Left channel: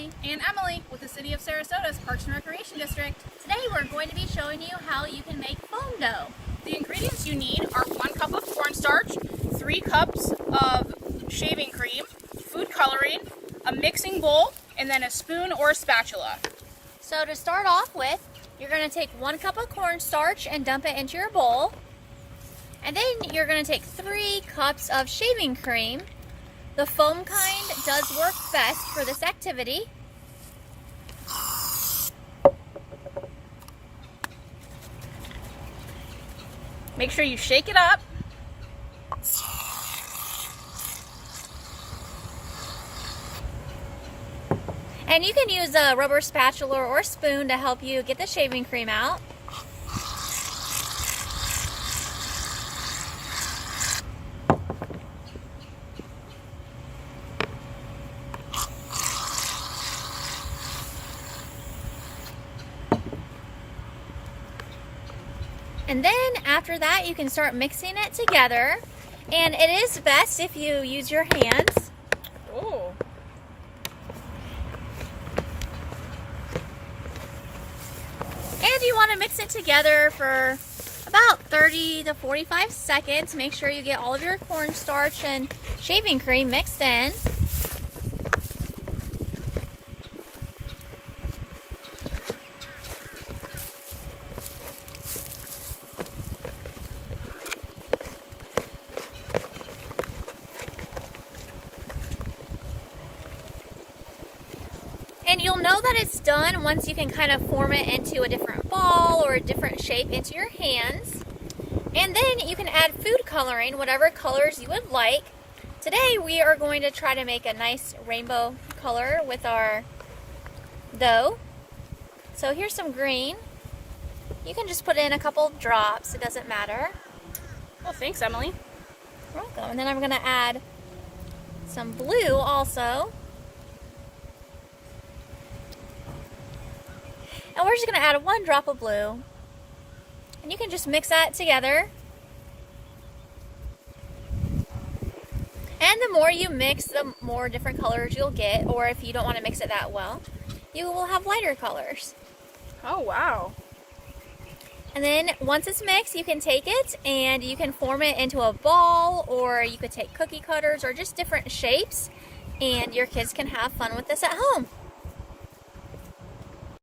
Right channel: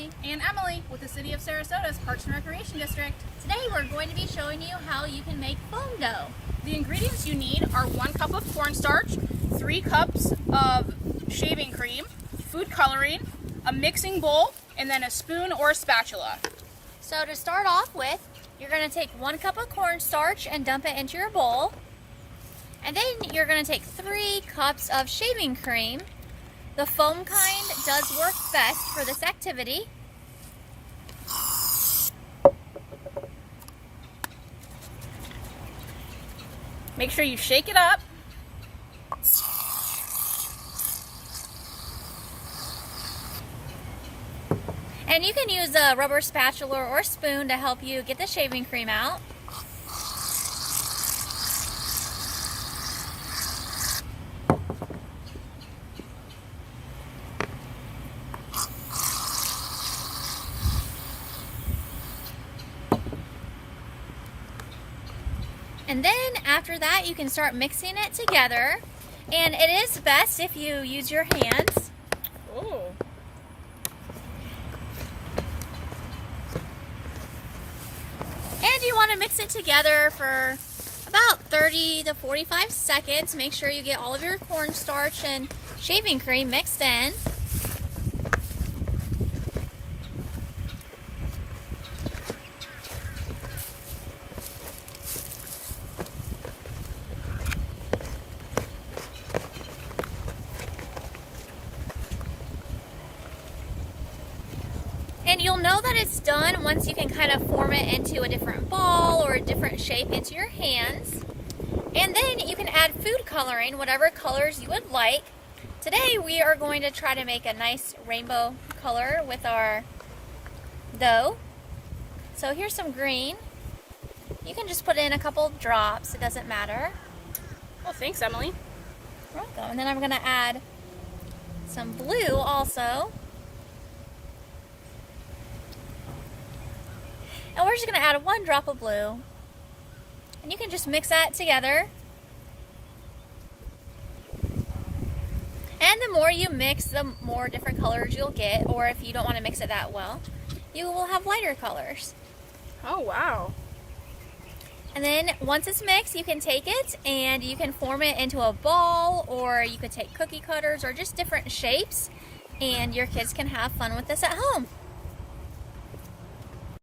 Emily. And Emily with the City of Sarasota's Parks and Recreation District. Today we're going to be showing you how you can make foam dough. The ingredients you need are 1 cup of cornstarch, 3 cups of shaving cream, food coloring, a mixing bowl, and then a spoon or a spatula. So to start off with, you're going to take 1 cup of cornstarch and dump it into your bowl. And then you're going to take 3 cups of shaving cream. The foam kind does work best for this activity. Make sure you shake it up. And you can use a rubber spatula or spoon to help you get the shaving cream out. And then after that, you can start mixing it together. And it is best if you use your hands. Oh. And you want to mix it together for about 30 to 45 seconds. Make sure you get all of your cornstarch and shaving cream mixed in. And you'll know that it's done once you can kind of form it into a different ball or a different shape into your hands. And then you can add food coloring, whatever colors you would like. Today we are going to try to make a nice rainbow color with our dough. So here's some green. You can just put in a couple drops, it doesn't matter. Well, thanks, Emily. You're welcome. And then I'm going to add some blue also. And we're just going to add 1 drop of blue. And you can just mix that together. And the more you mix, the more different colors you'll get. Or if you don't want to mix it that well, you will have lighter colors. Oh, wow. And then once it's mixed, you can take it and you can form it into a ball, or you could take cookie cutters or just different shapes. And your kids can have fun with this at home.